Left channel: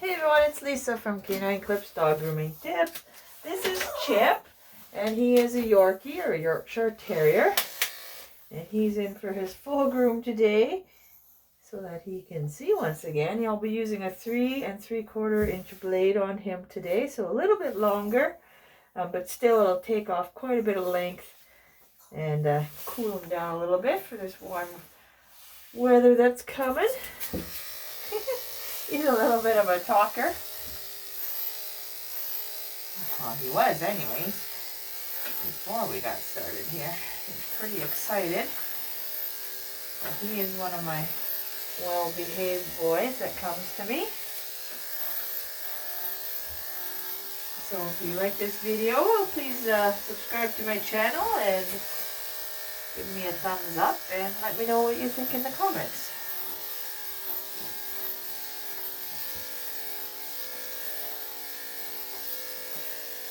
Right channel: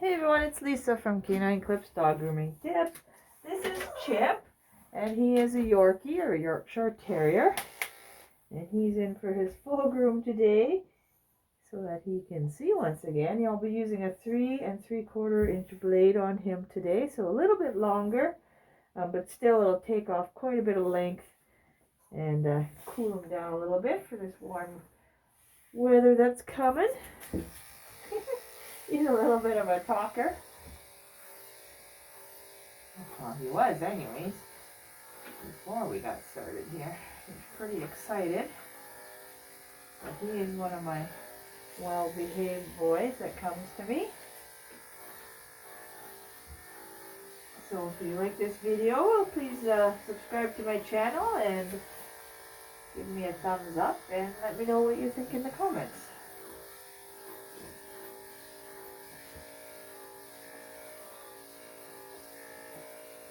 Hey everyone, it's Lisa from Canine Clips Dog Grooming Tips. This is Chip, and he is a Yorkie or a Yorkshire Terrier. And he's in for his full groom today so that he can see once again. I'll be using a 3 3/4 inch blade on him today, so a little bit longer, but still it'll take off quite a bit of length and cool him down a little bit for this warm weather that's coming. He's a little bit of a talker. Well, he was anyways, before we got started here. He's pretty excited. But he is one of my well-behaved boys that comes to me. So if you like this video, please subscribe to my channel and give me a thumbs up and let me know what you think in the comments.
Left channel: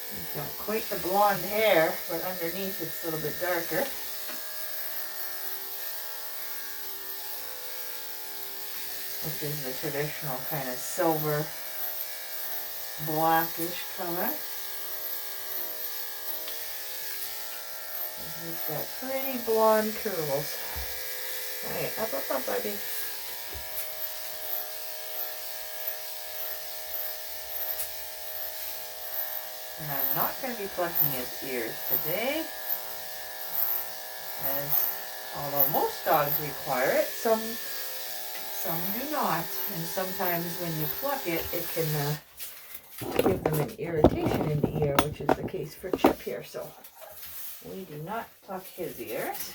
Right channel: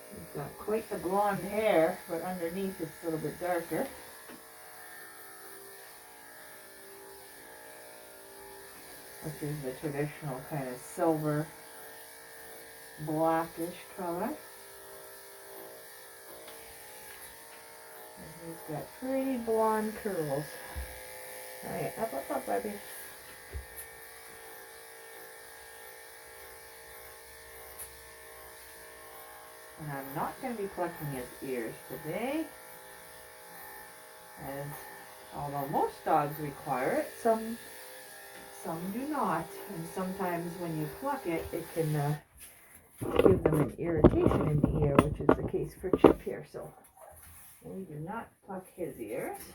He's got quite the blonde hair, but underneath it's a little bit darker. Which is the traditional kind of silver blackish color. And he's got pretty blonde curls. Alright, up, baby. And I'm not going to be plucking his ears today, as although most dogs require it, some do not. And sometimes when you pluck it, it can give them an irritation in the ear, which is the case for Chip here. So we do not pluck his ears.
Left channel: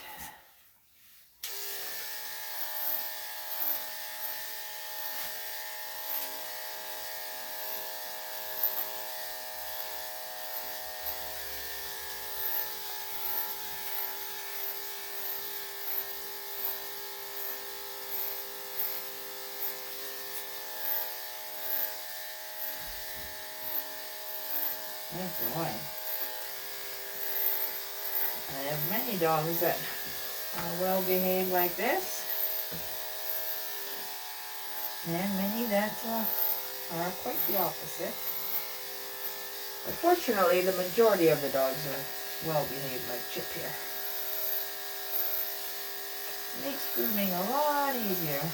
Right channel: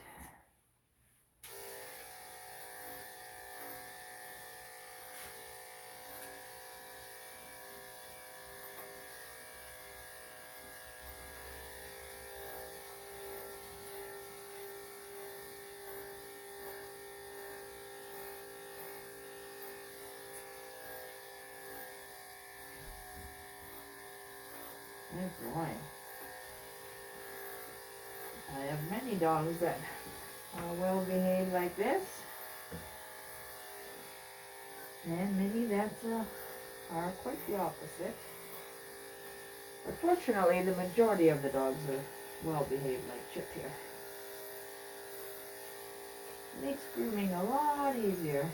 Yes, boy. I have many dogs that are well behaved like this, and many that are quite the opposite. But fortunately, the majority of the dogs are well behaved like Chip here. It makes grooming a lot easier.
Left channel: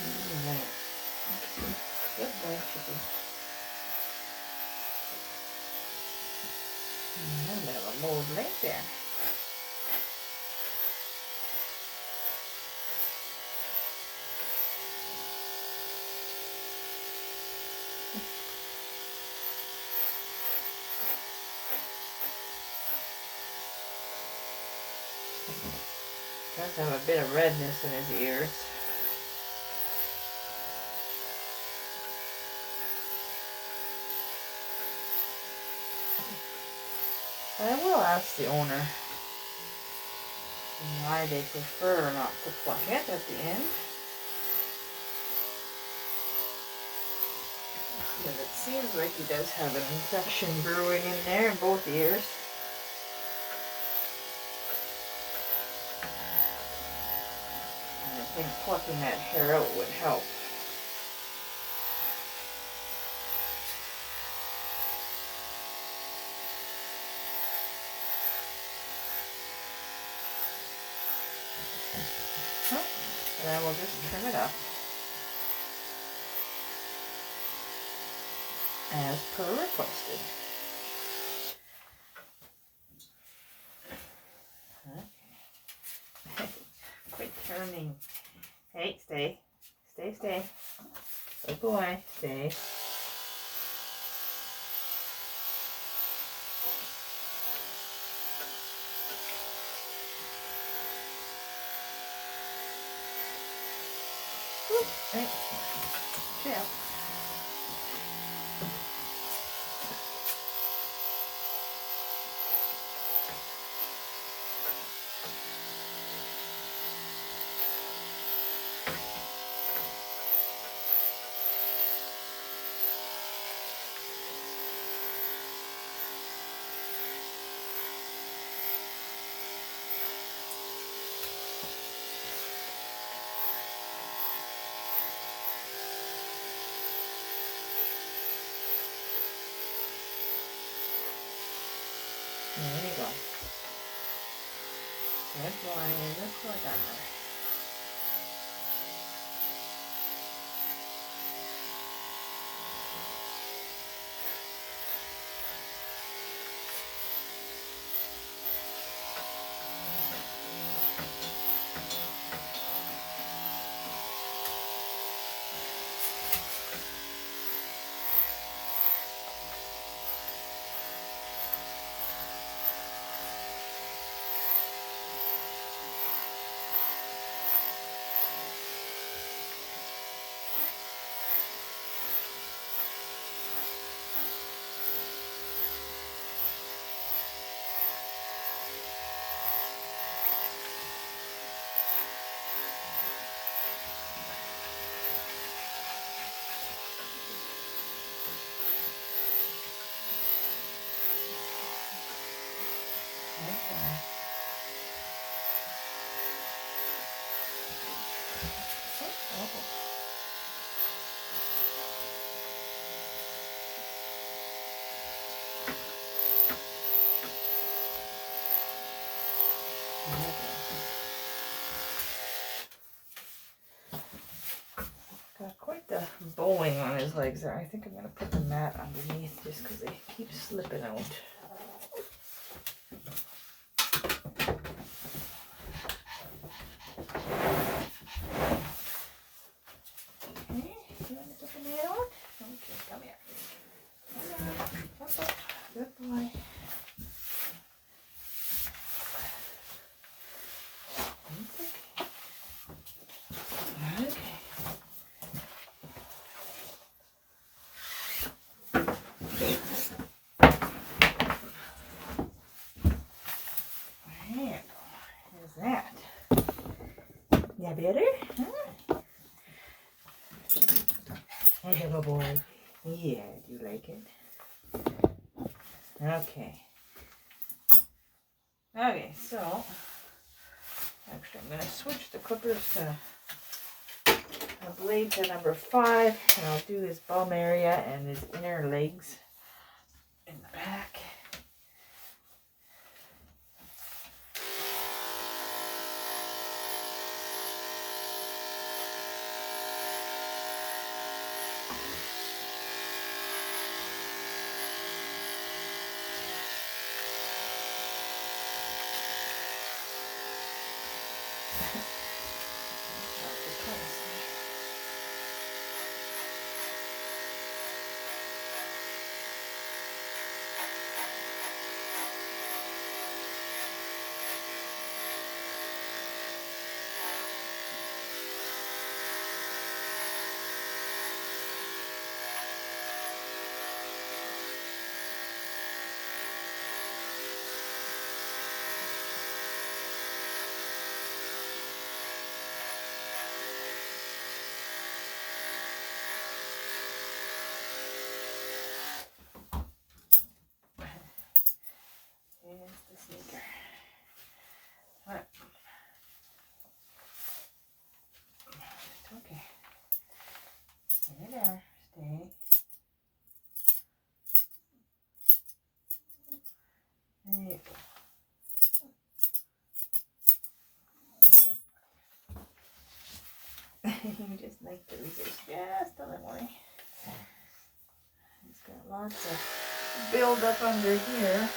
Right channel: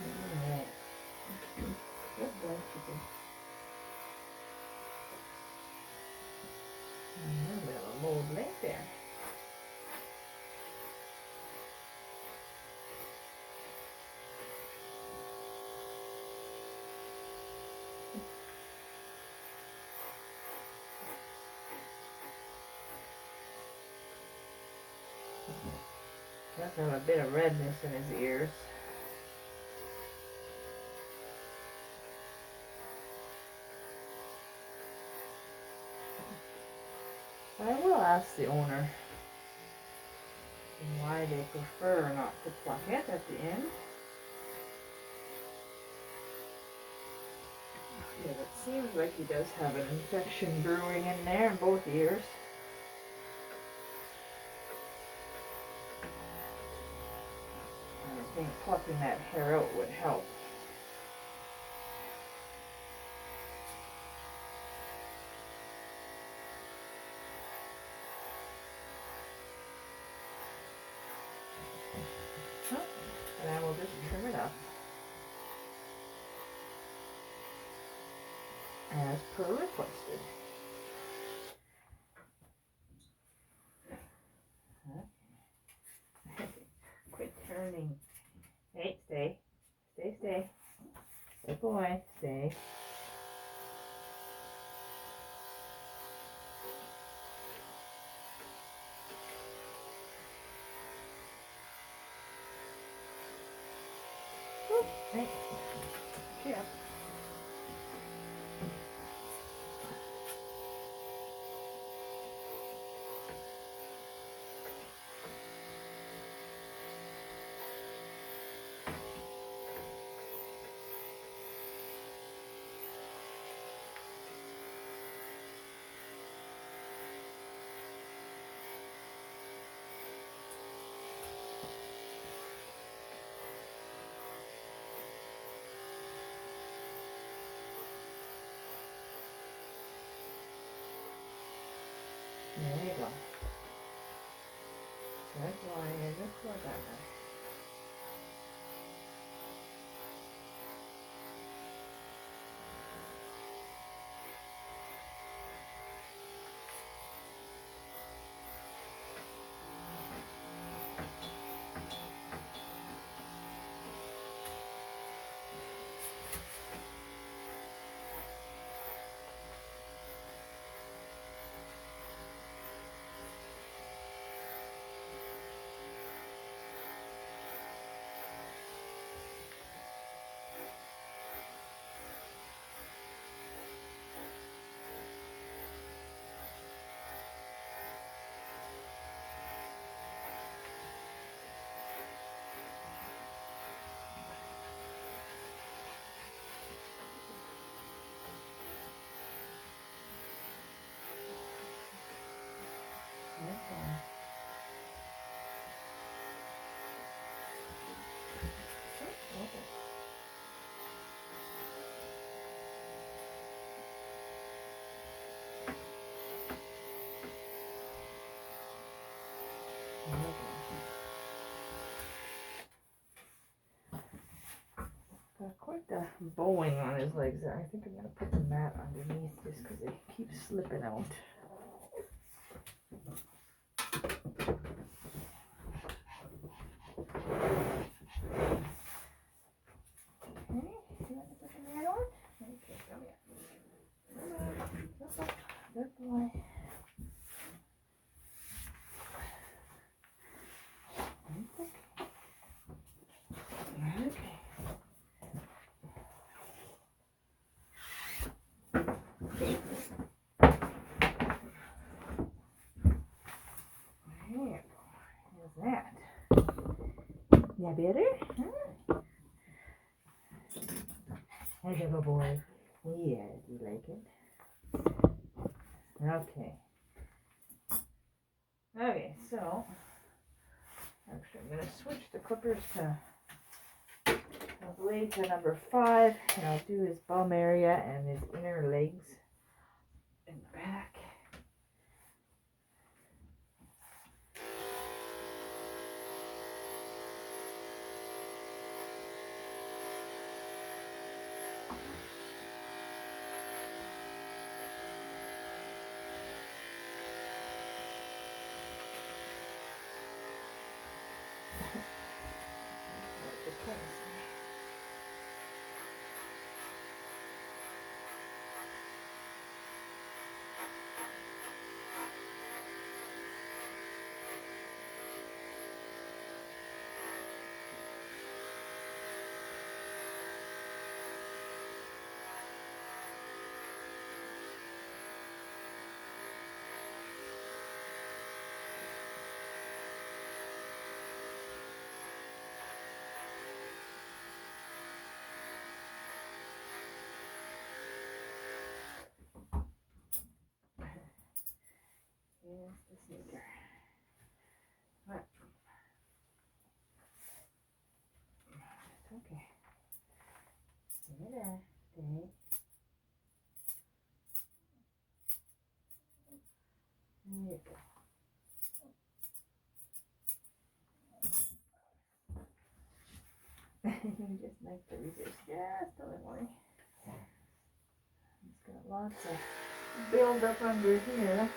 Alright. Good boy, chicken. A little bit of a mold leg there. Does have a bit of redness in his ears. But I will ask the owner why they prefer not to pluck it at the end. But it seems like he does have an infection brewing in there in both ears. And I think plucking that hair out would help. And then we'll just trim it up as per requested. Okay. Quit turning. Hey, stay. Stay, stay. Good boy. Stay. Hey. Yeah. There you go. Good boy, good boy, Donna. Got quite the bowling on his legs there. I think I'm going to put the mat underneath just because they keep slipping out. Okay, you want to put the mat on? Okay, come here. Up, up. Good boy. Yeah, better? Huh? Hey, little boy. Yeah, do you like it? Okay. Okay, so actually I'm going to switch the clippers to a blade to number 5, and I'll do his bum area and his inner legs in the back. sneaker. What? It's okay. Stay there. Stay. There you go. You just like to resist just a little more. It's got lots of build up under here.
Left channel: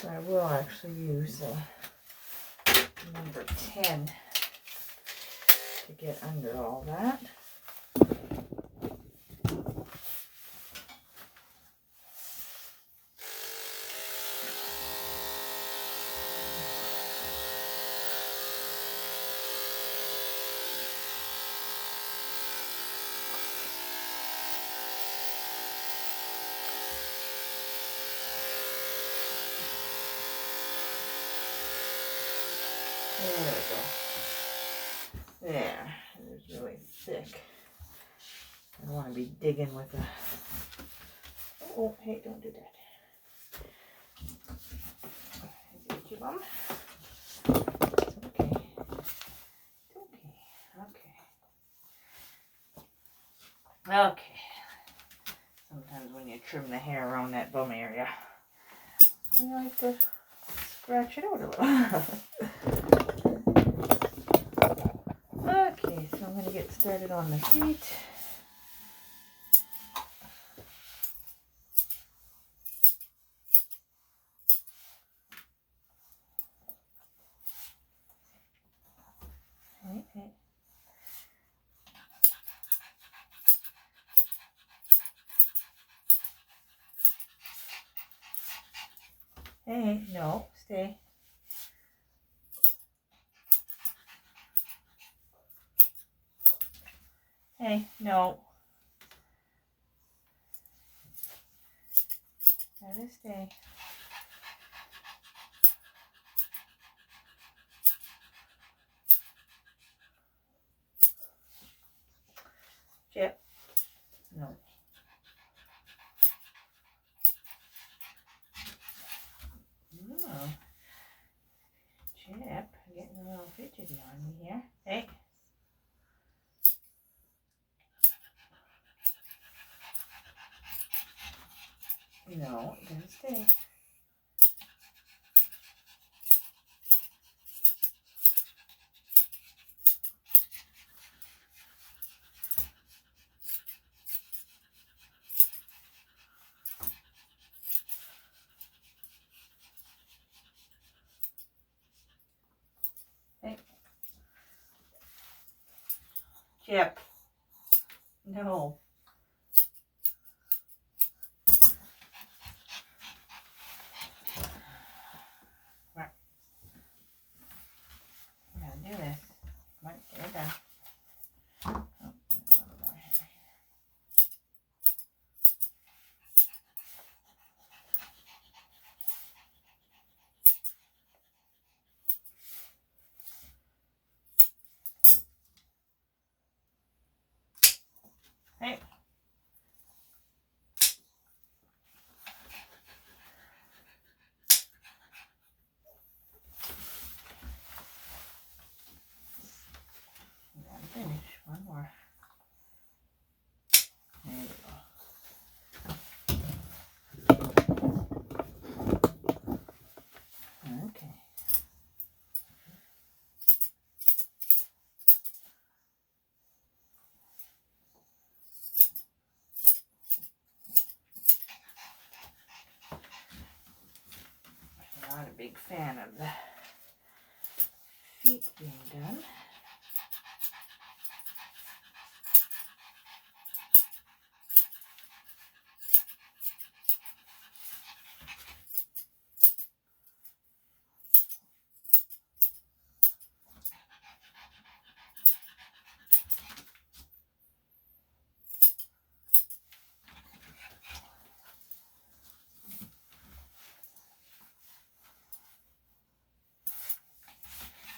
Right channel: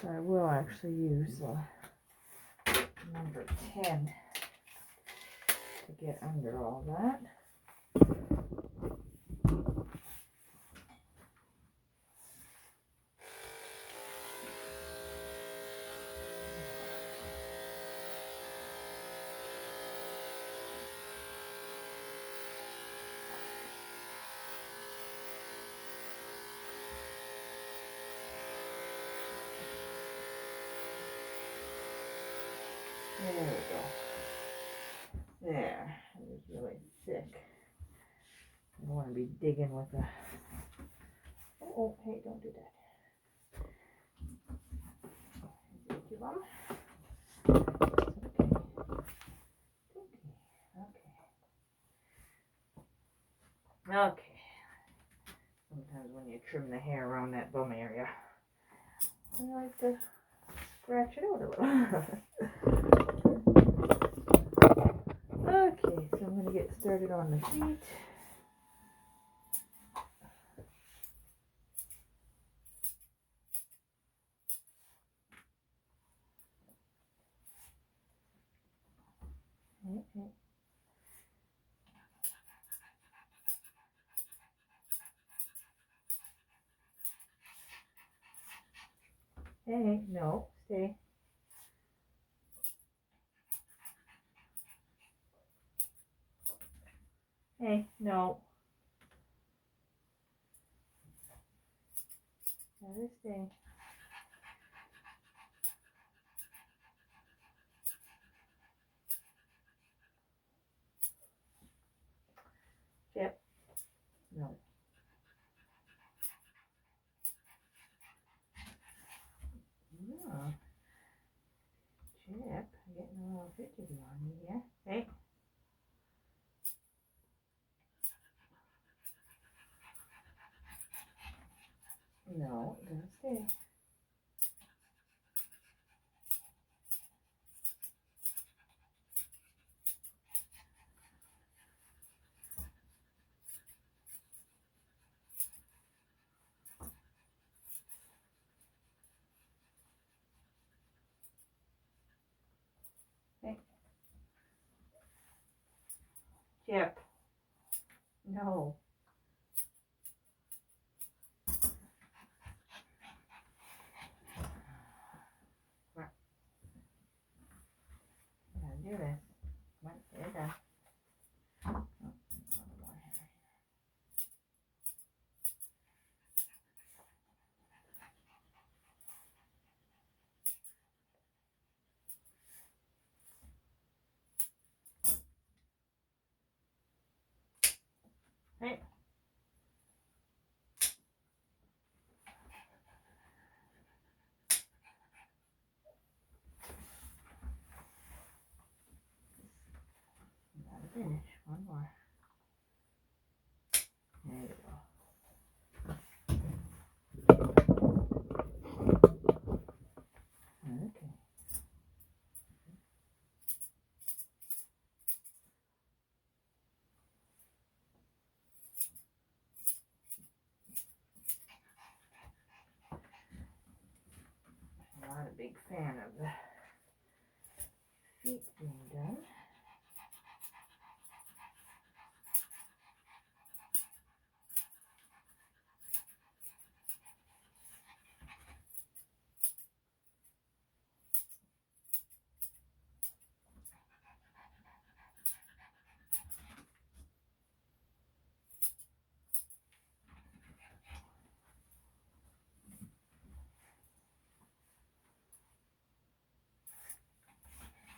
So I will actually use number 10 to get under all that. There we go. There. It's really thick. I don't want to be digging with a... Oh, hey, don't do that. There's each of them. It's okay. It's okay. Okay. Okay. Sometimes when you trim the hair around that bum area, I like to scratch it out a little. Okay, so I'm going to get started on the feet. Hey. Hey, no, stay. Hey, no. Gotta stay. Chip. No. Oh. Chip, getting a little fidgety on me here. Hey. No, gotta stay. Hey. Chip. No. Come on. Gotta do this. Come on, get it done. Oh, a little more hair here. Hey. Gotta finish. One more. There we go. Okay. I'm not a big fan of the feet being done.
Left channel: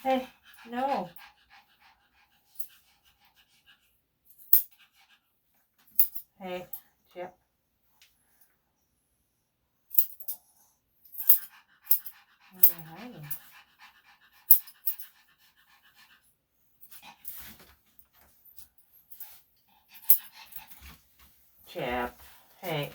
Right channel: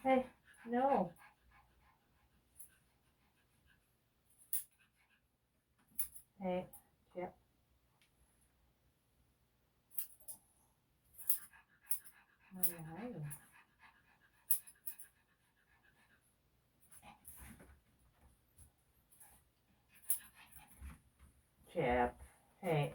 Hey, no. Hey. Where are you hiding? Chip, hey.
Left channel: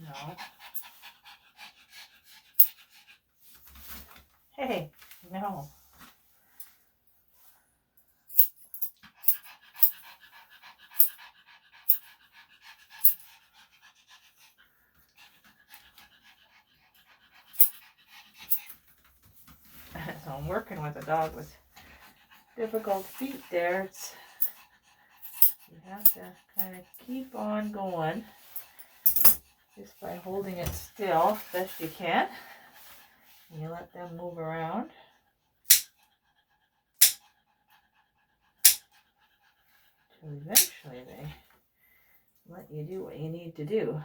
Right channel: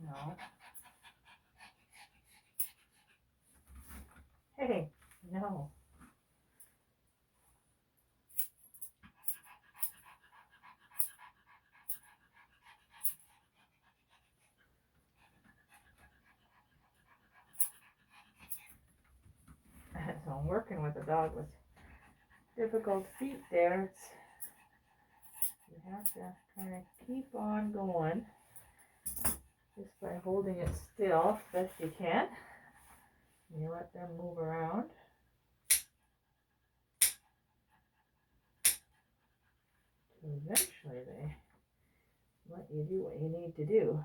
No. Hey, no. So I'm working with a dog with difficult feet there. You have to kind of keep on going just by holding it still as best you can. And you let them move around. So eventually they let you do what you need to do.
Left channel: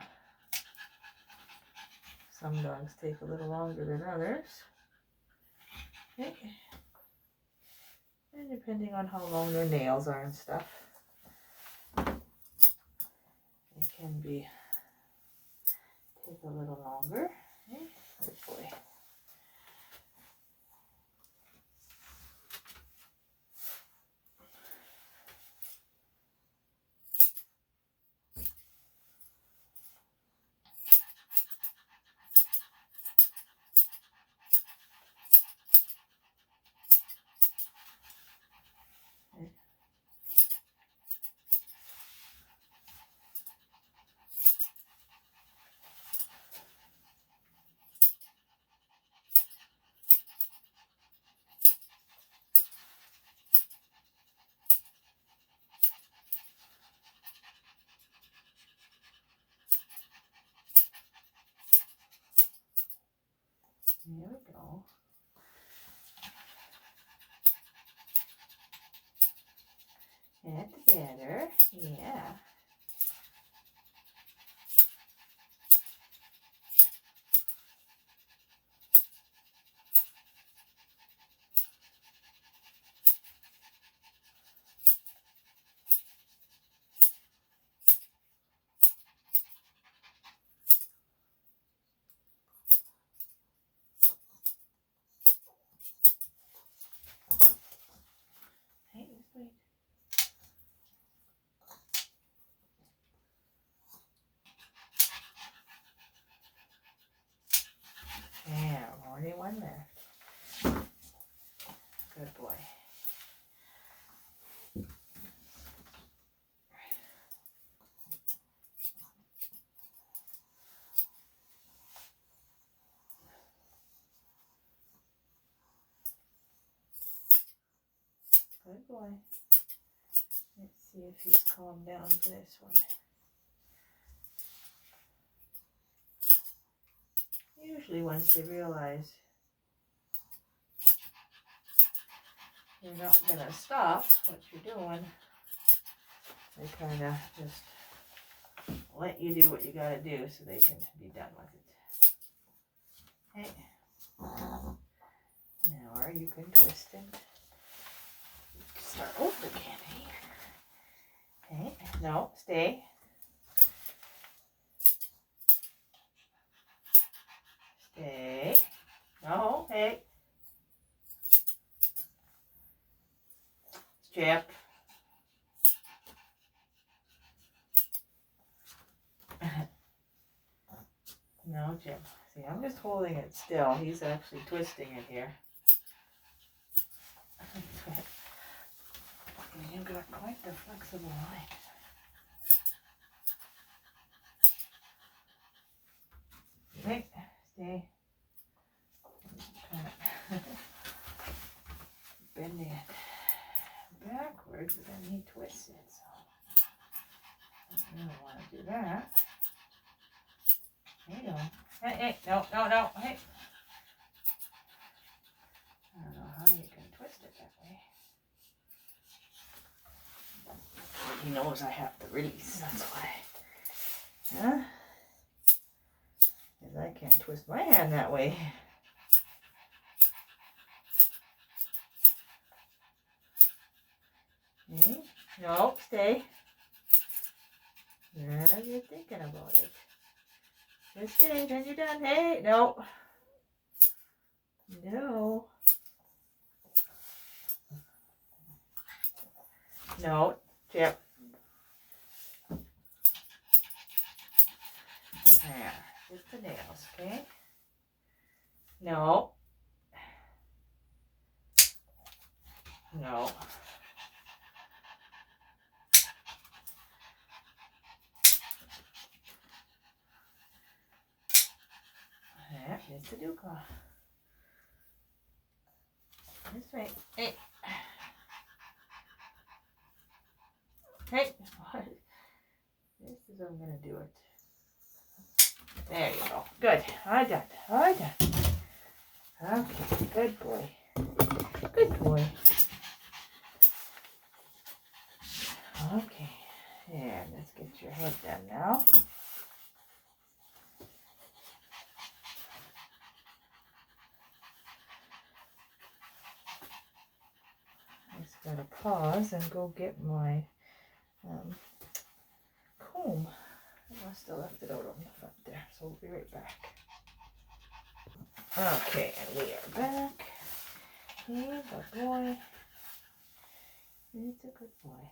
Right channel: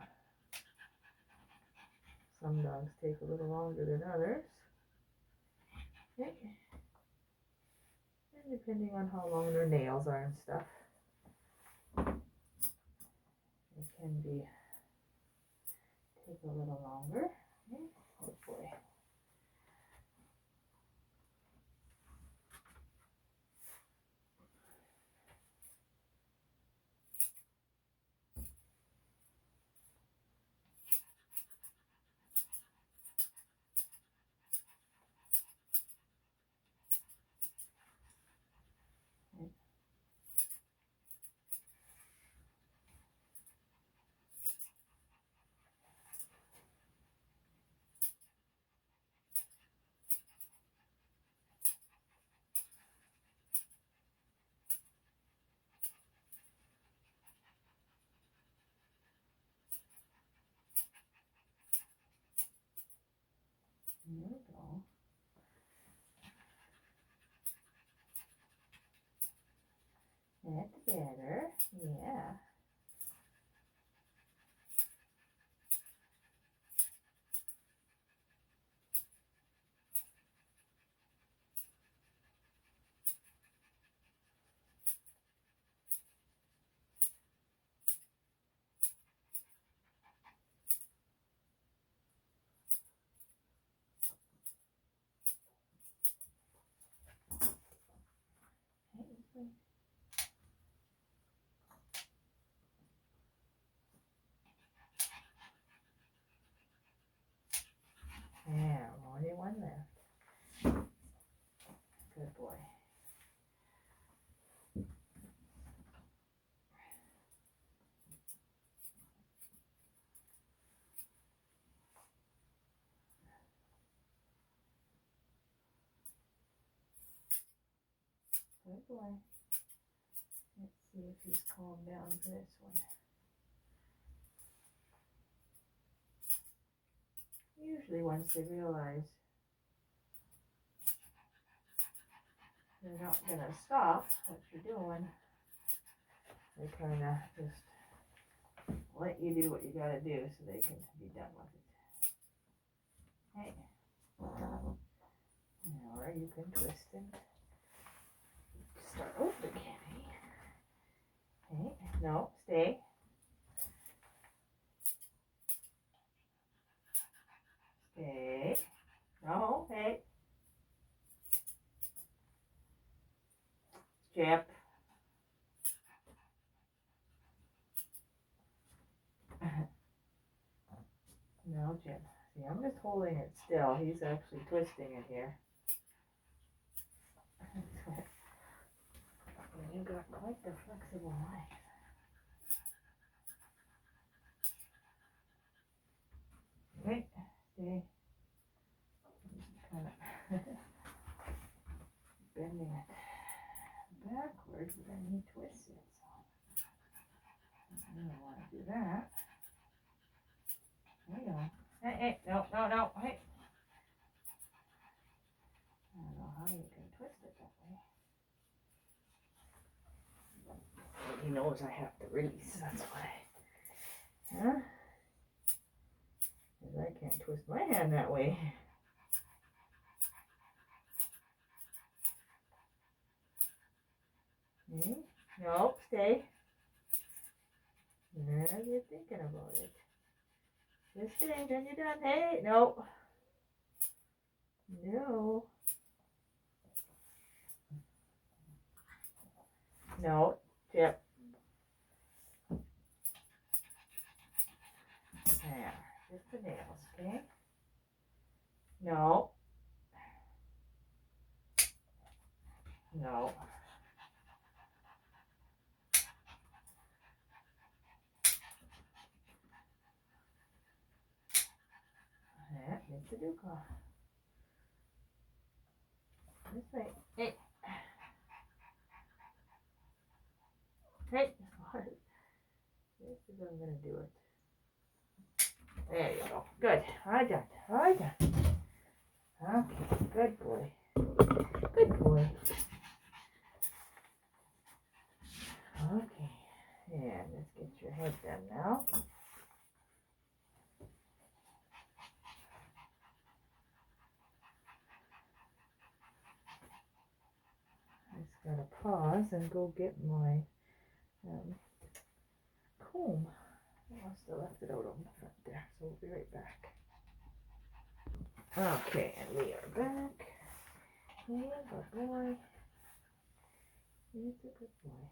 Some dogs take a little longer than others. Okay. And depending on how long their nails are and stuff, it can be take a little longer. Okay. Good boy. There we go. Head together. Yeah. Hey, this way. Yeah, only one left. Good boy. Good boy. Let's see if he's calmed down for this one. Usually once they realize you're not going to stop what you're doing, they kind of just let you do what you got to do so they can be done with it. Hey. Now, or you can twist it. Start over again, hey? Hey, no, stay. Stay. No, hey. Chip. No, Jim. See, I'm just holding it still. He's actually twisting it here. You've got quite the flexible line. Hey, stay. Kind of bending it backwards, but then he twists it, so I don't want to do that. There you go. Hey, hey, no, no, no, hey. I don't know how you can twist it that way. He knows I have to release, that's why. Huh? Because I can't twist my hand that way. Okay. No, stay. Yeah, you're thinking about it. Just stay, then you're done. Hey, no. No. No, Chip. There, just the nails, okay? No. No. Yeah, just the dew claw. This way. Hey. Hey. This is how I'm going to do it. There you go. Good. All done. All done. Okay. Good boy. Good boy. Okay. And let's get your head done now. Just got to pause and go get my comb. I must have left it out on the front there, so we'll be right back. Okay, and we are back. Hey, good boy. It's a good boy.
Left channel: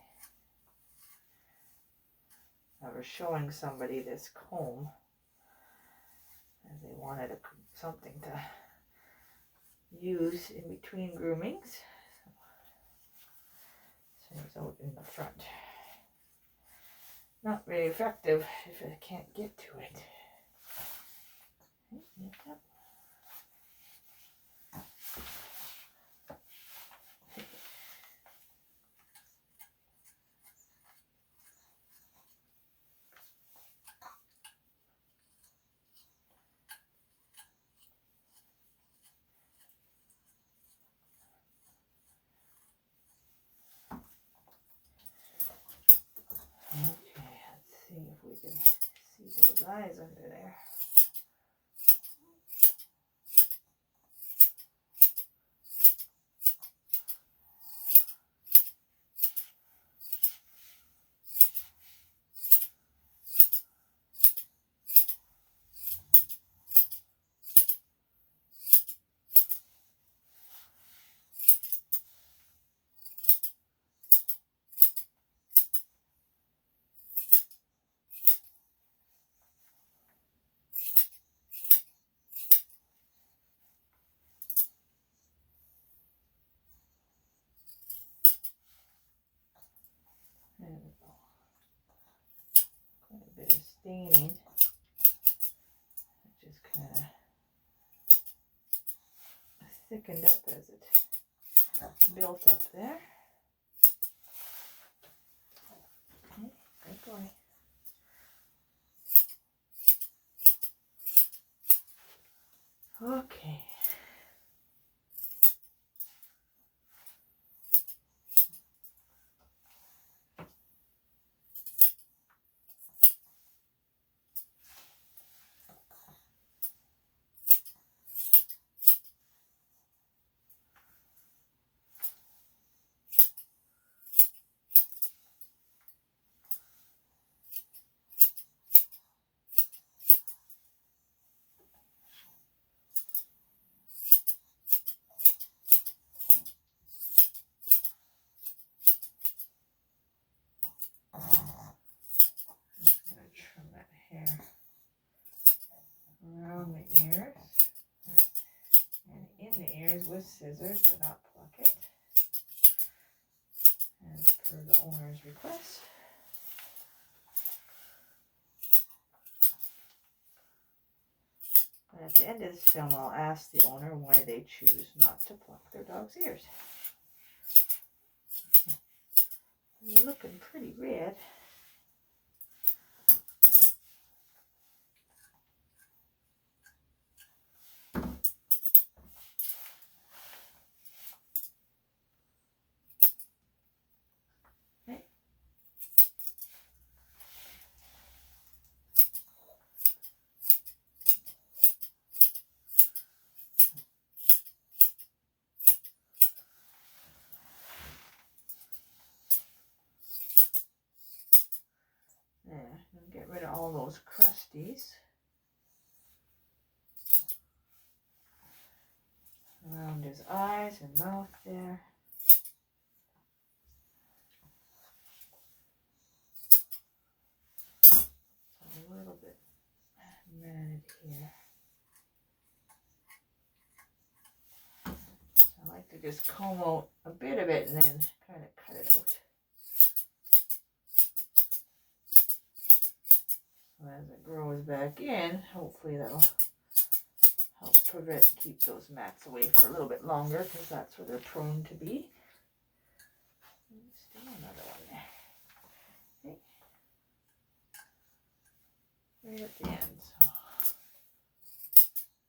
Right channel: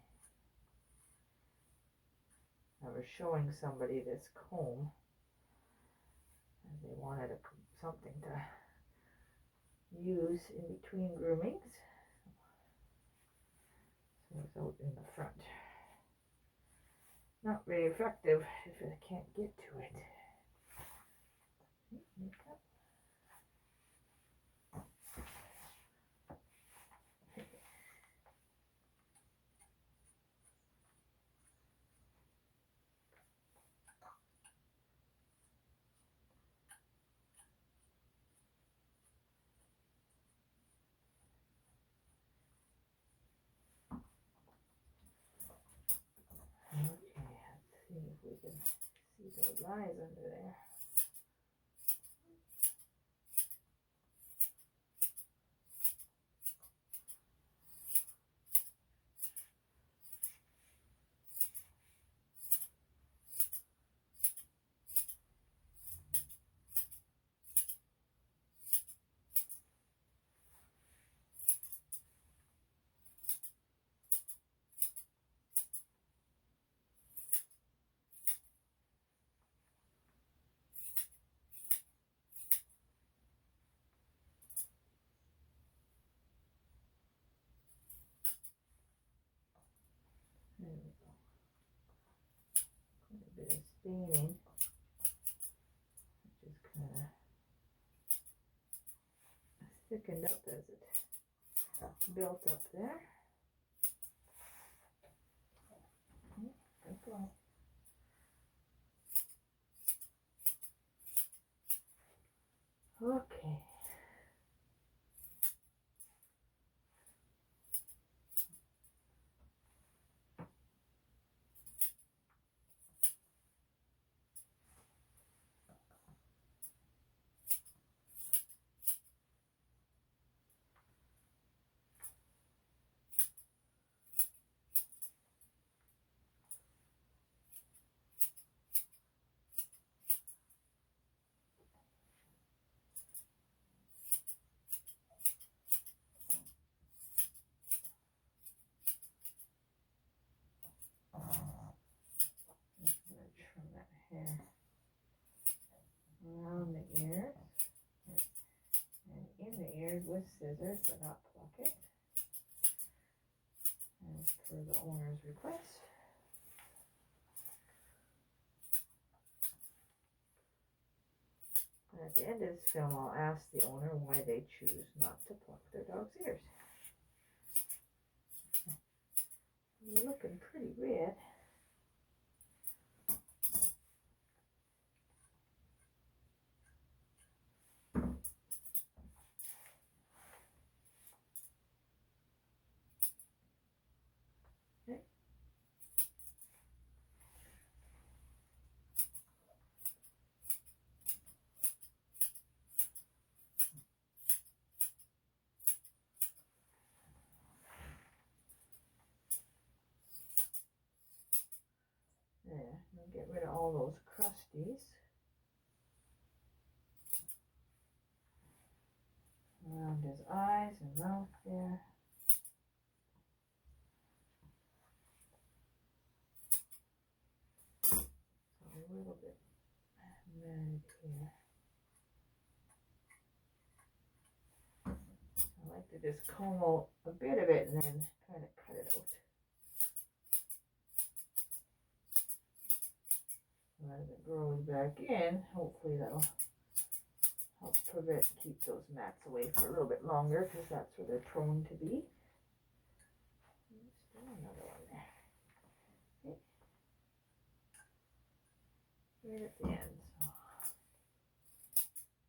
I was showing somebody this comb, and they wanted something to use in between groomings. So it's out in the front. Not very effective if I can't get to it. Yep. Okay, let's see if we can see those eyes under there. There we go. Quite a bit of staining. It just kind of thickened up as it built up there. Okay, good boy. Okay. Around the ears and in the ears with scissors, but not pluck it, as per the owner's request. And at the end of this film, I'll ask the owner why they choose not to pluck their dog's ears. They're looking pretty red. those crusties around his eyes and mouth there. A little bit matted here. So I like to just comb out a bit of it and then kind of cut it out. So as it grows back in, hopefully that'll help keep those mats away for a little bit longer, because that's where they're prone to be. Still another one there. Okay. Right at the end. So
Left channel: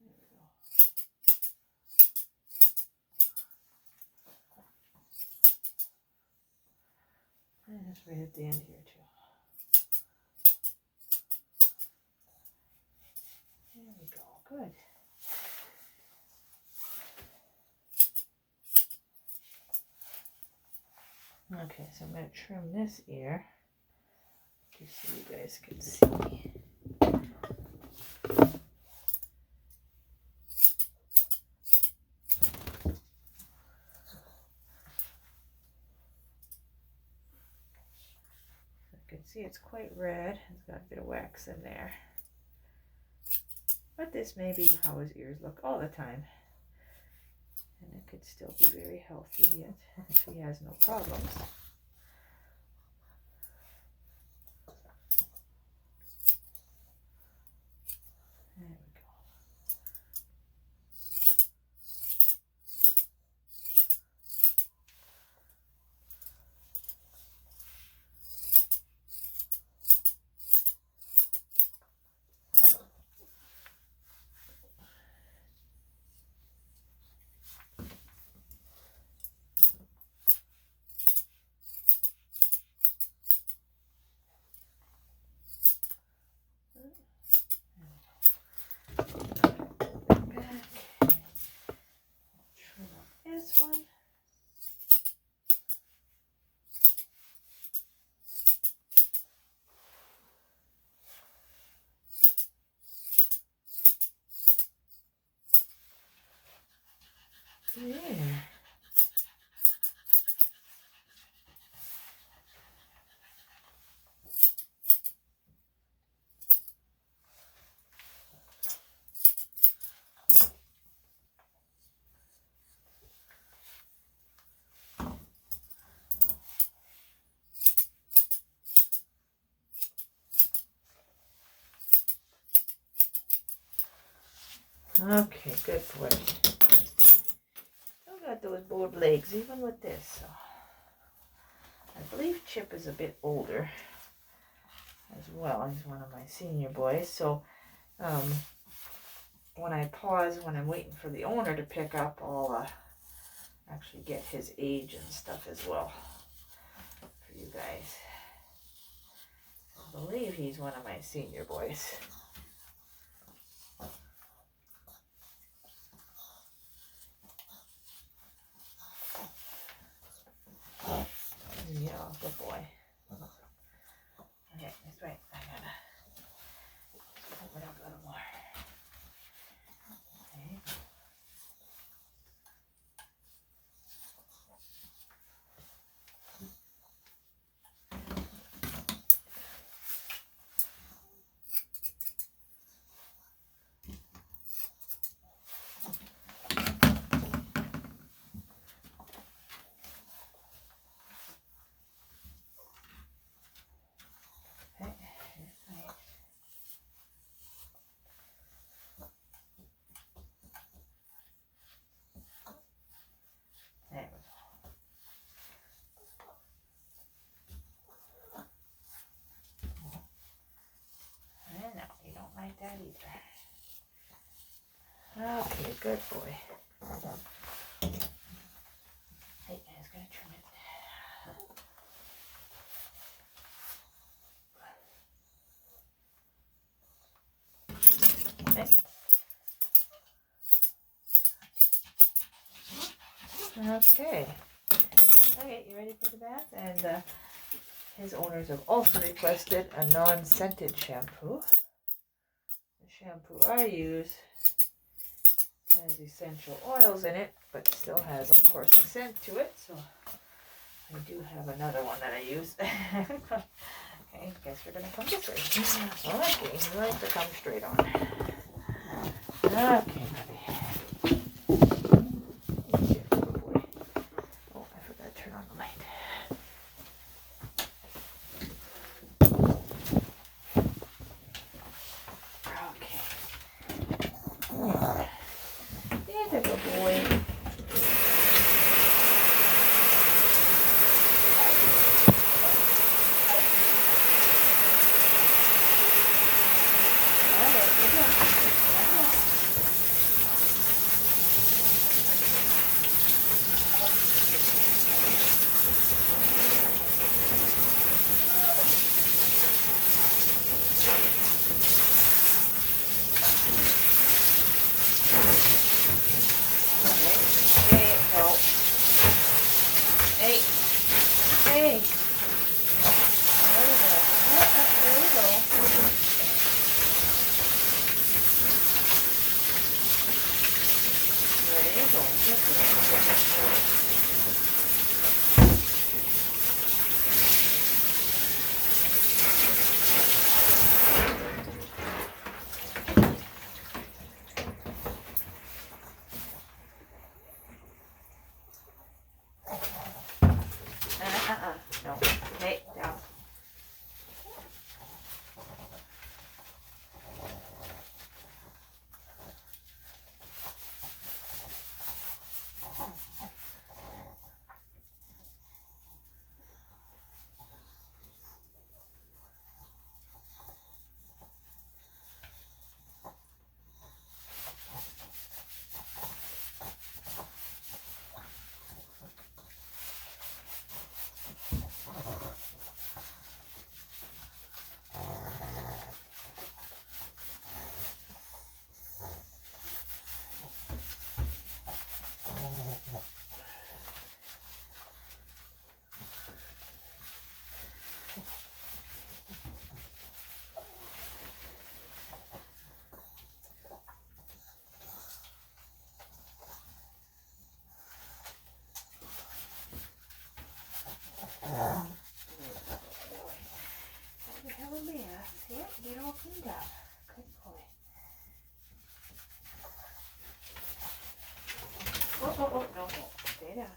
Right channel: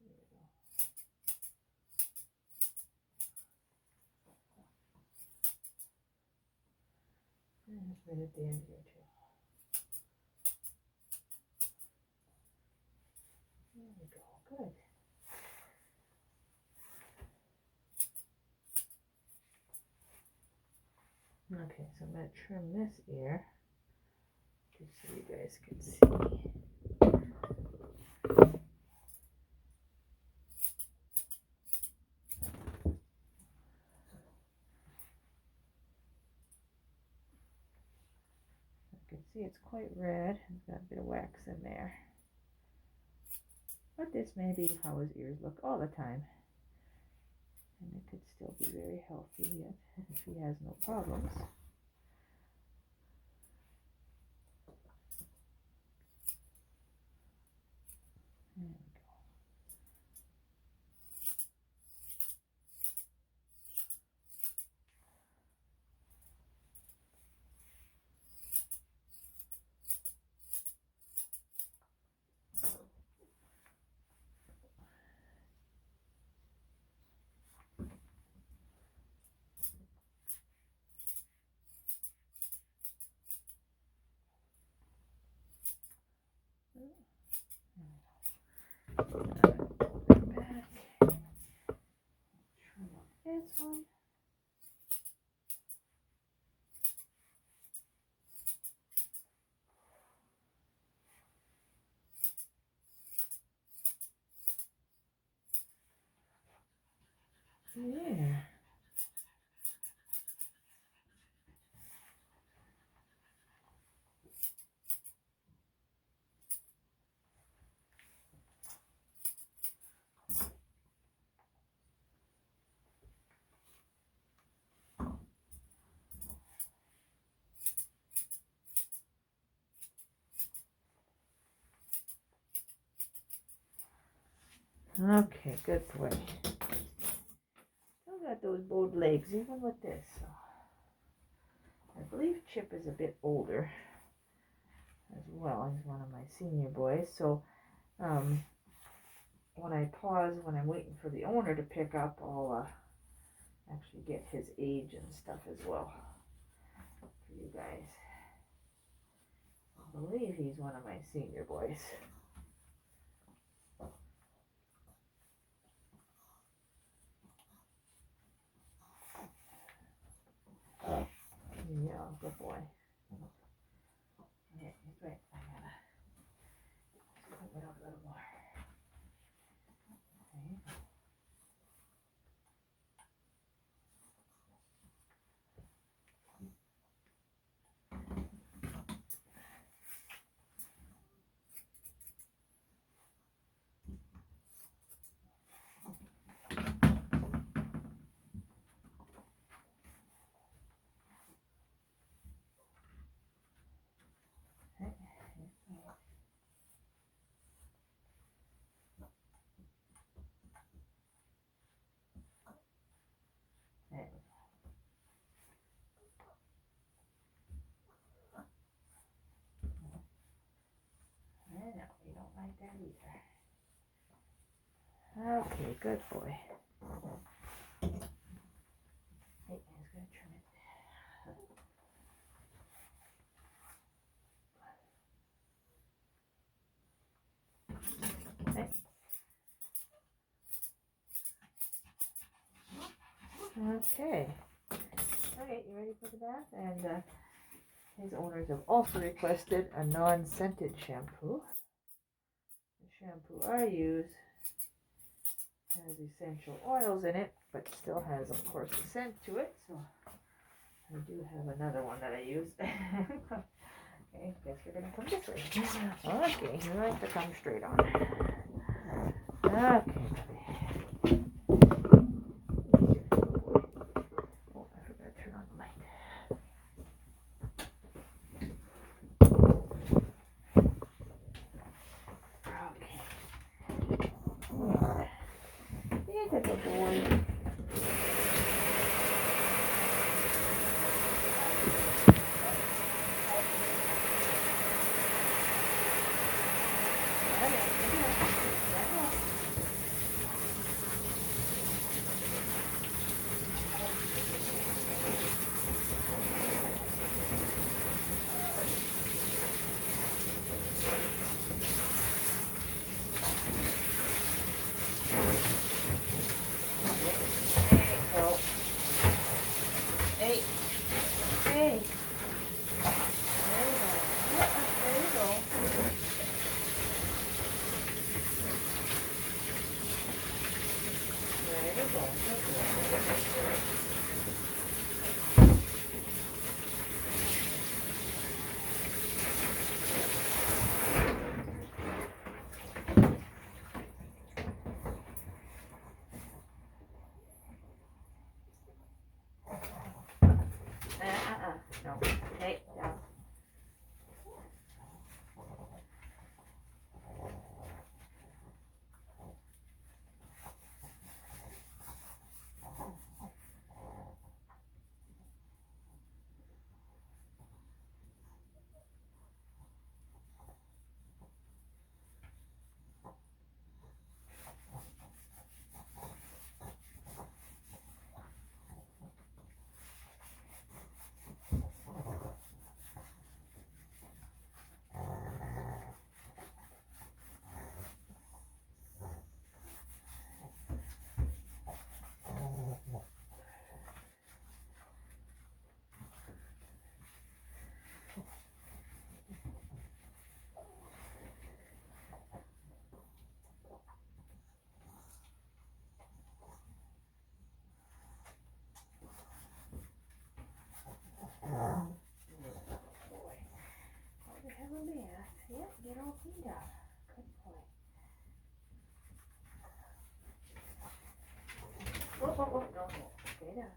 there we go. And just right at the end here too. There we go. Good. Okay, so I'm going to trim this ear just so you guys can see. You can see it's quite red. It's got a bit of wax in there. But this may be how his ears look all the time. And it could still be very healthy yet if he has no problems. There we go. Trim up this one. There. Okay, good boy. Still got those bowed legs, even with this. So I believe Chip is a bit older as well. He's one of my senior boys. So when I pause, when I'm waiting for the owner to pick up, I'll actually get his age and stuff as well for you guys. I believe he's one of my senior boys. Yeah, good boy. Okay, this way. I gotta open it up a little more. That either. Okay, good boy. Hey, I was gonna trim it. Okay. Okay, you ready for the bath? And his owners have also requested a non-scented shampoo. The shampoo I use has essential oils in it, but still has, of course, a scent to it. So I do have another one that I use. Okay, guess we're gonna come this way. Okay, you like to come straight on. Okay, buddy. Oh, I forgot to turn on the light. Okay. There's a good boy. Hey, hey. There you go. There you go. There you go. No. Hey, down. Have a bath. Yep, get all cleaned up. Good boy. Oh, no. Stay down.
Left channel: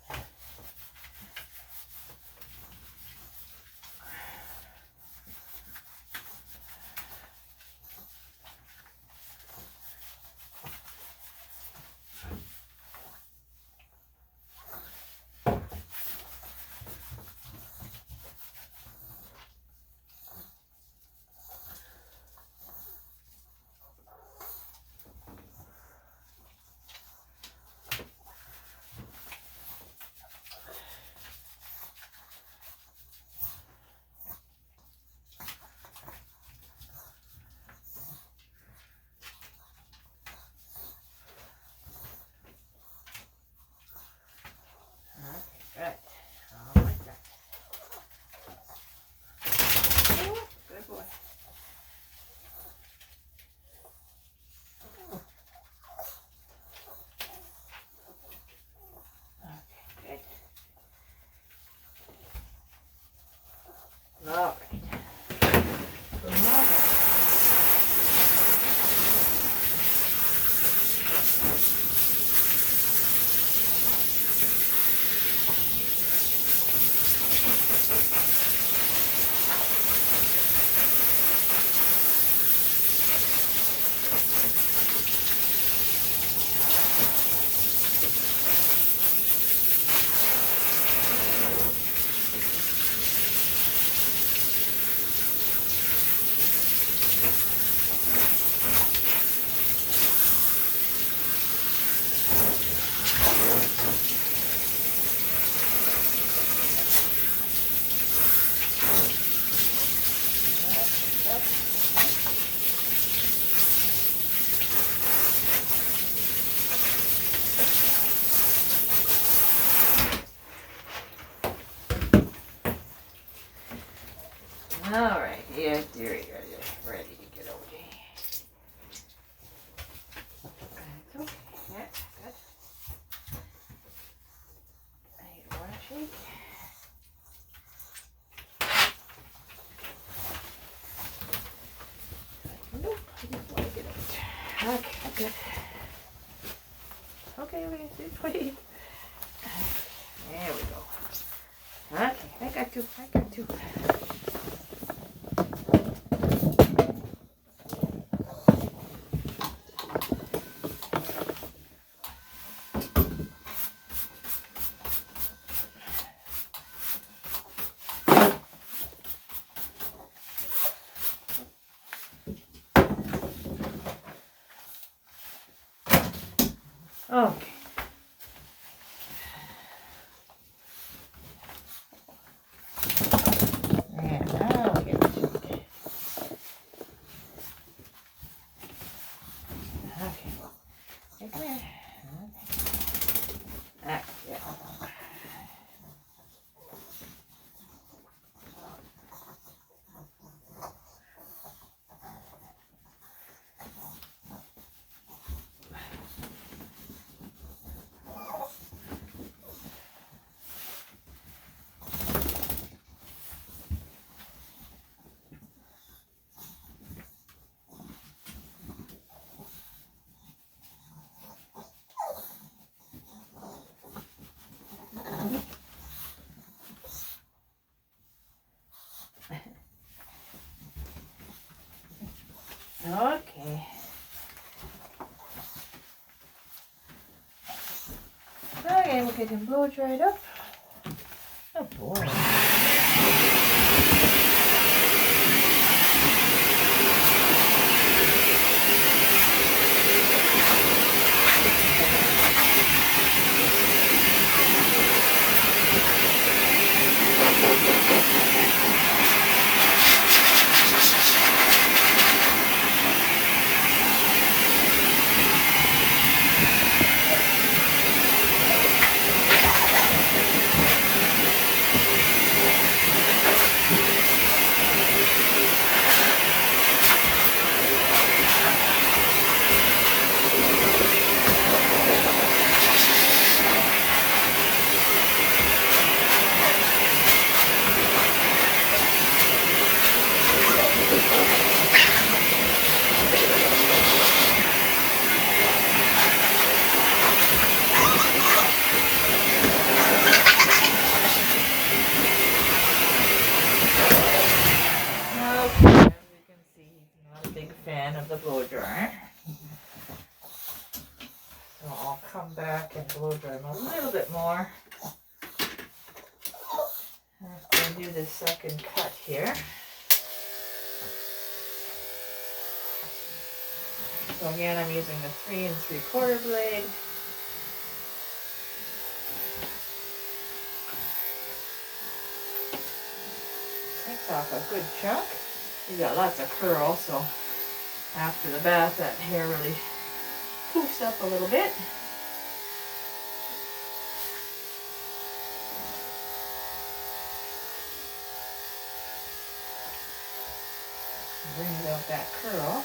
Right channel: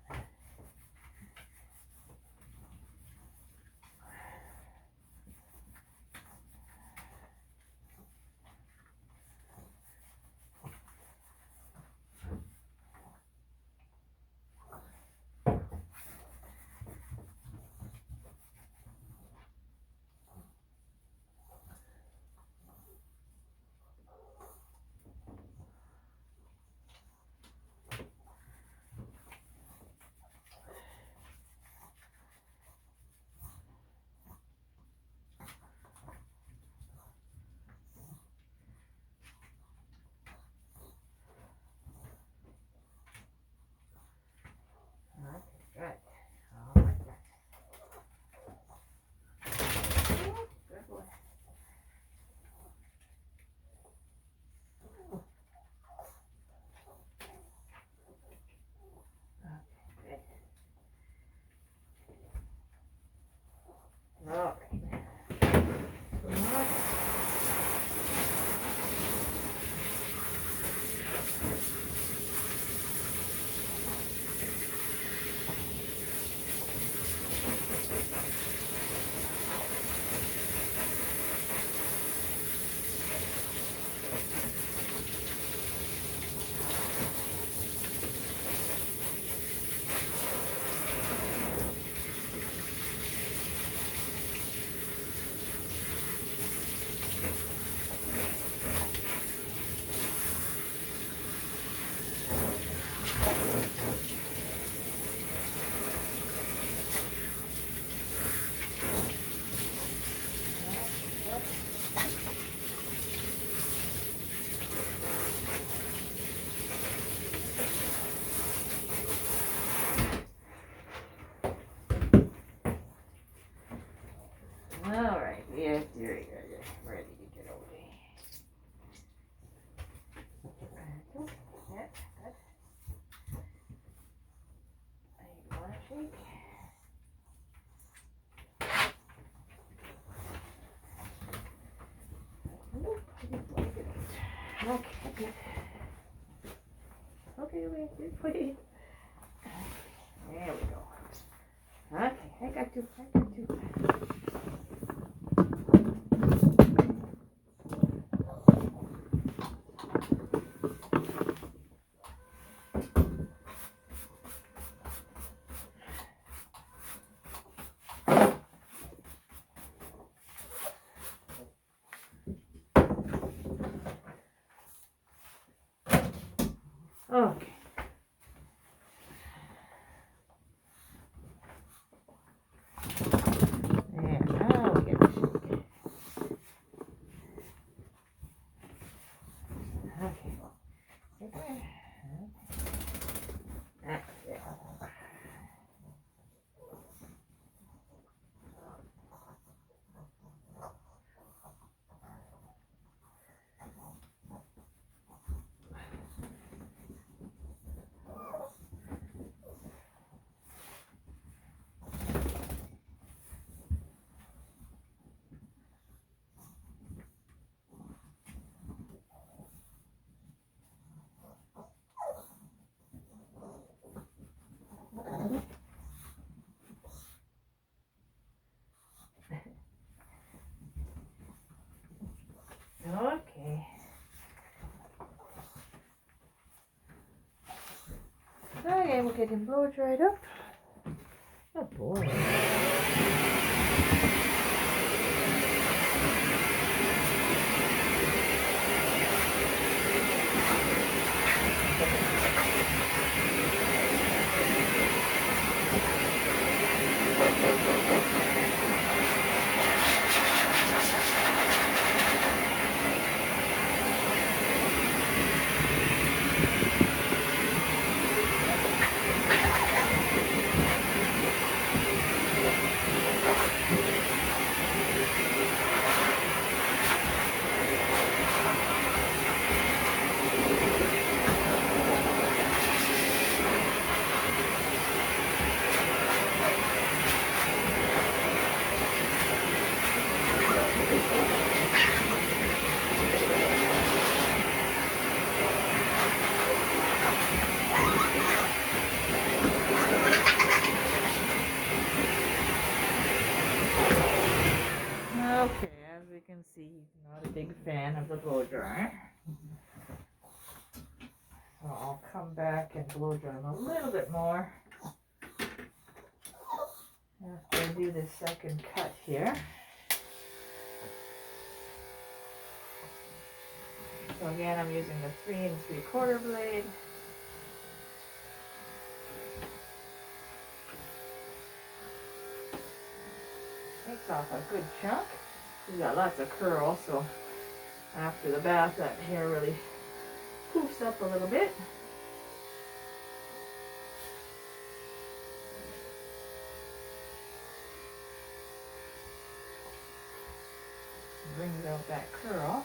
All right, yeah, dearie, ready to get away. That's okay. Yeah, good. I don't want to shake. Nope, I just want to get out. Okay, good. Okay, just wait. There we go. Okay, I got you. Okay. Yeah, now we get to it. Okay. Hey, come here. Ah, yeah. Okay. Okay, we'll get him blow dried up. Oh boy. Okay, as you can see, he's not a big fan of the blow dryer. So I'll come back and blow dry him a little bit more after I do this second cut here. So again, I'm using the 3 3/4 blade. Takes off a good chunk. You got lots of curl, so after the bath, that hair really poofs up a little bit. Brings out that curl.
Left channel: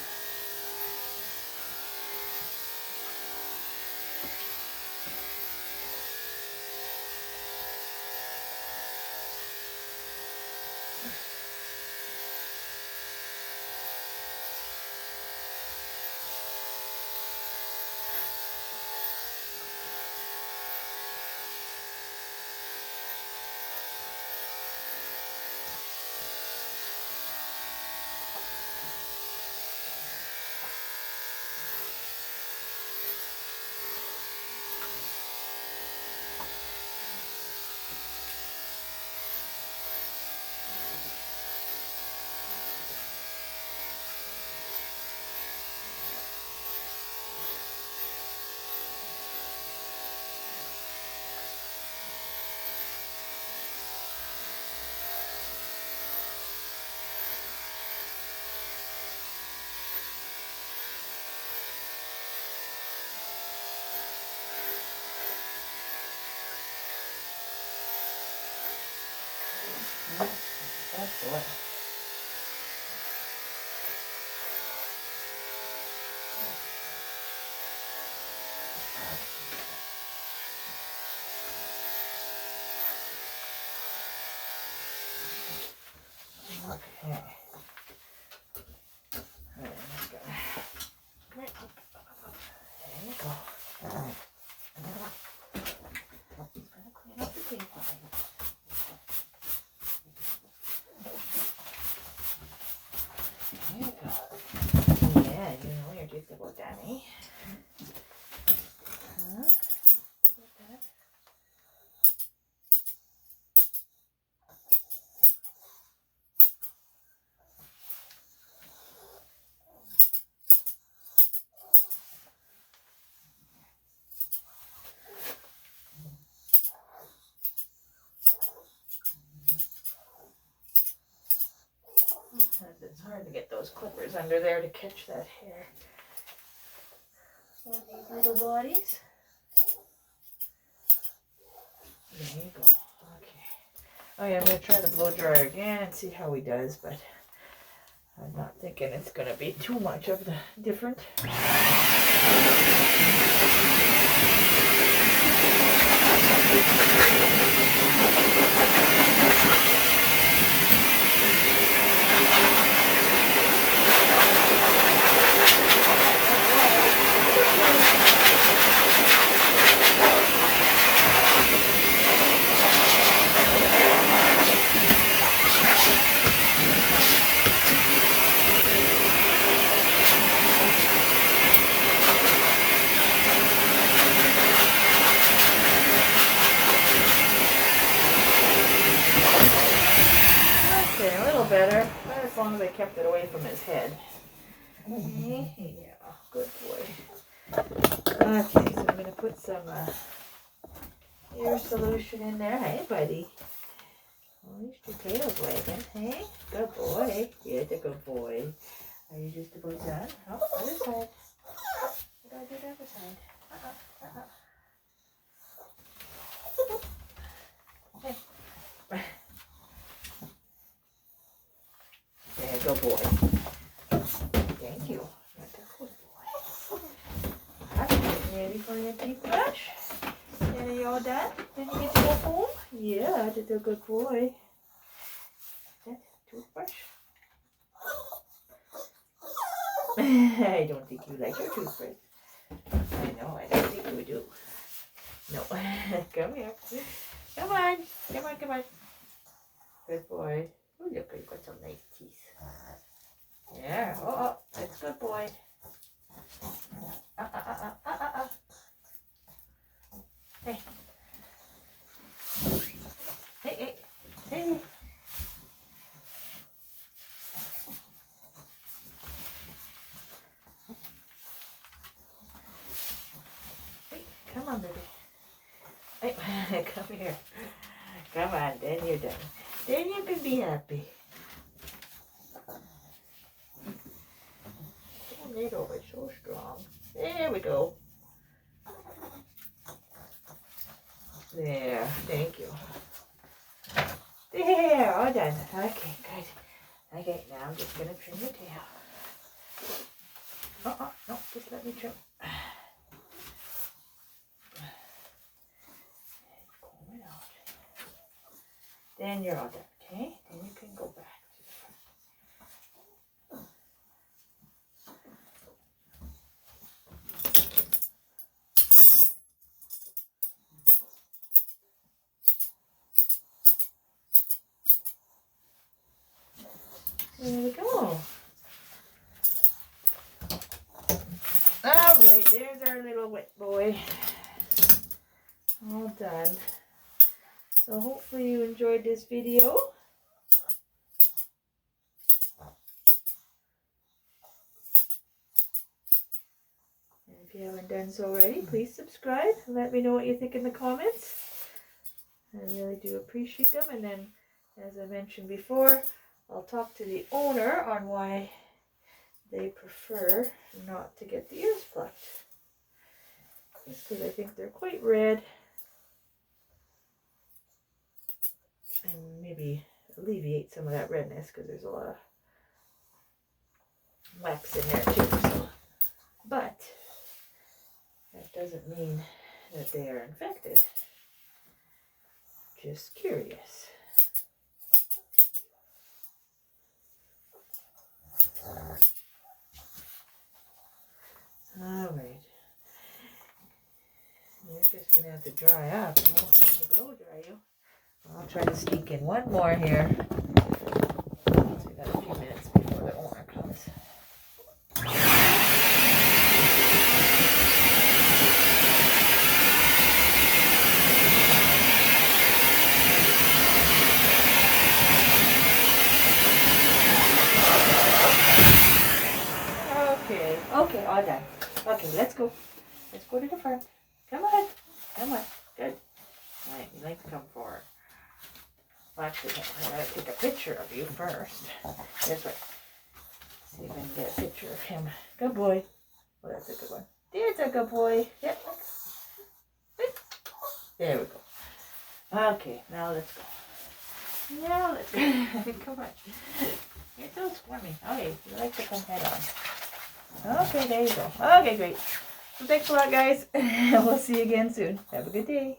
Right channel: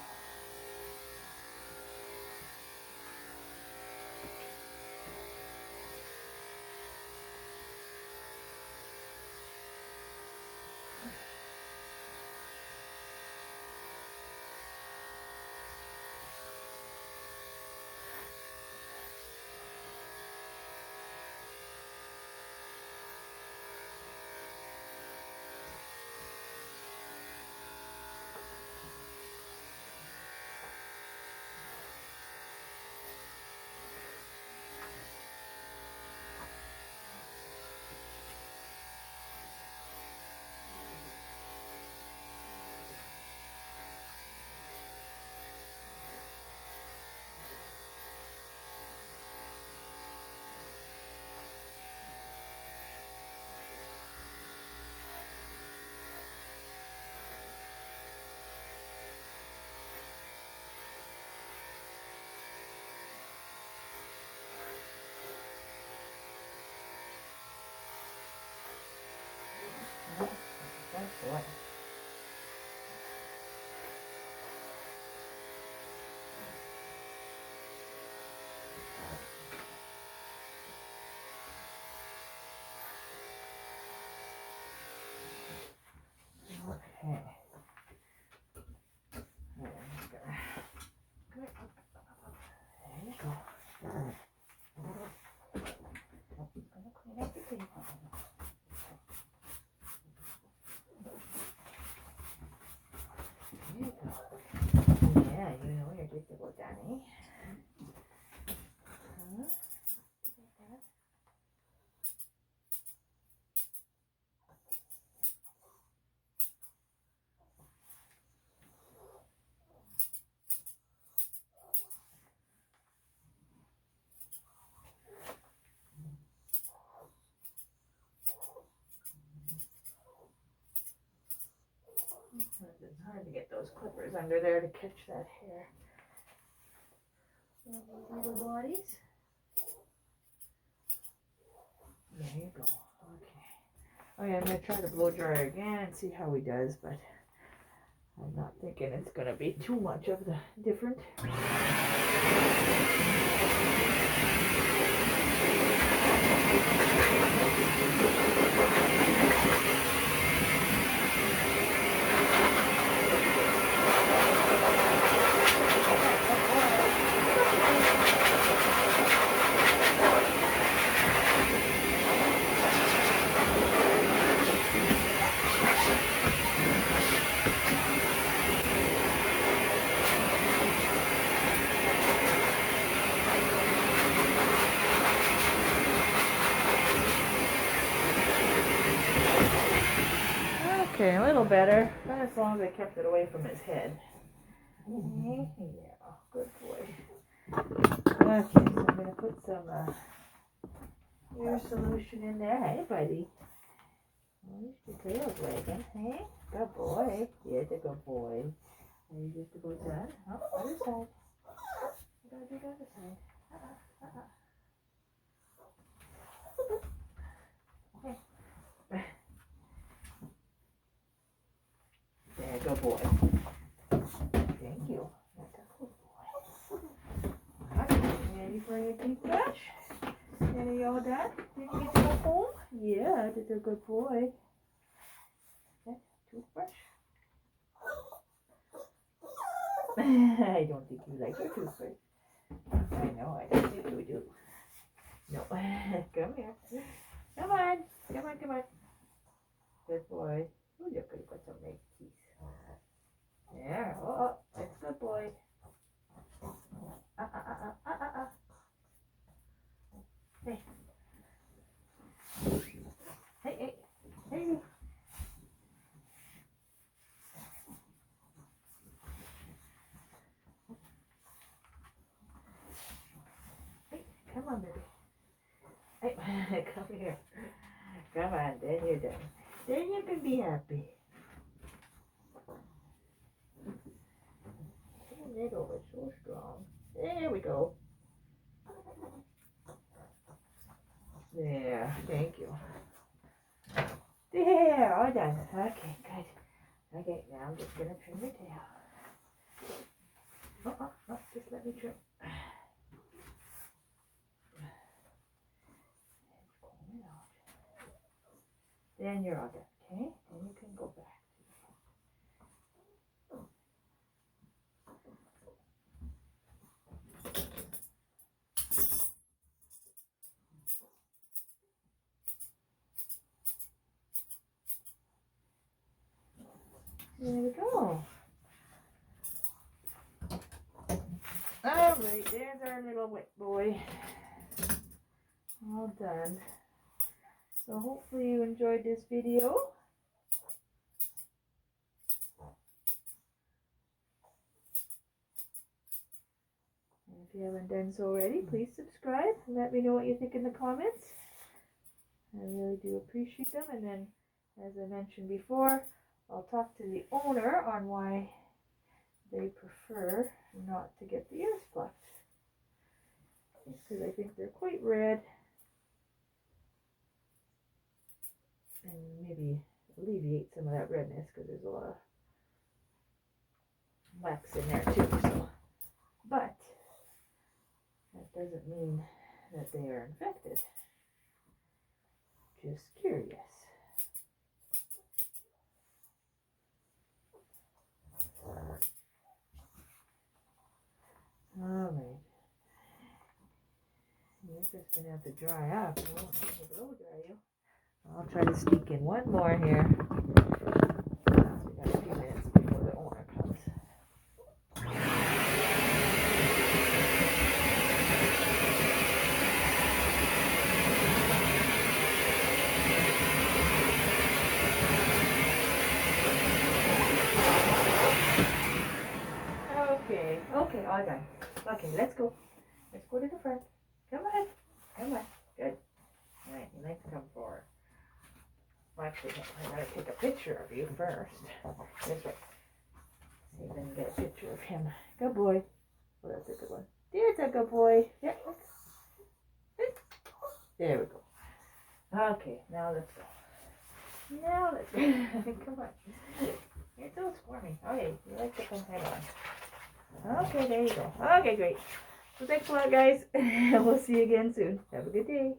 Excellent. Okay. All right, I'm just gonna... There you go. Just gonna clean up the table. There you go. Yeah, you know you're just about done, eh? Huh? Just about done. It's hard to get those clippers under there to catch that hair on these little bodies. There you go. Okay. Okay, I'm going to try the blow dryer again and see how he does, but I'm not thinking it's going to be too much of the different. Okay, a little better, but as long as I kept it away from his head. Yeah, good boy. Okay, so I'm going to put some ear solution in there. Hey, buddy. At least your tail's wagging, hey? Good boy. Yeah, it's a good boy. Are you just about done? Oh, other side. What do I do the other side? Hey. There, good boy. Thank you. That's a good boy. Alright, ready for your toothbrush? And are you all done? Did you get to go home? Yeah, did a good boy. That toothbrush? I don't think you like your toothbrush. I know, I don't think you do. No. Come here. Come on. Come on, come on. Good boy. Oh, look, you've got some nice teeth. Yeah. Oh, that's good boy. Hey. Hey, hey. Hey. Hey, come on, baby. Hey, come here. Come on, then you're done. Then you can be happy. Oh, needle is so strong. There we go. There, thank you. There, all done. Okay, good. Okay, now I'm just gonna trim your tail. No, just let me trim. Comb it out. Then you're all done, okay? Then you can go back to the front. There we go. All right, there's our little wet boy. All done. So hopefully you enjoyed this video. And if you haven't done so already, please subscribe and let me know what you think in the comments. I really do appreciate them. And then, as I mentioned before, I'll talk to the owner on why they prefer not to get the ears plucked. Just because I think they're quite red. And maybe alleviate some of that redness because there's a lot of wax in there too. So. But that doesn't mean that they are infected. Just curious. just gonna have to dry up. I won't have to blow dry you. I'll try to sneak in one more here. So we got a few minutes before the owner comes. Okay, all done. Okay, let's go. Let's go to the front. Come on. Come on. Good. All right, you like to come forward. Well, actually, I gotta take a picture of you first. This way. See if I can get a picture of him. Good boy. Oh, that's a good one. There's a good boy. Yep. There we go. Okay, now let's go. Now let's go. Come on. You're so squirmy. Okay, you like to come head on. Okay, there you go. Okay, great. So thanks a lot, guys. We'll see you again soon. Have a good day.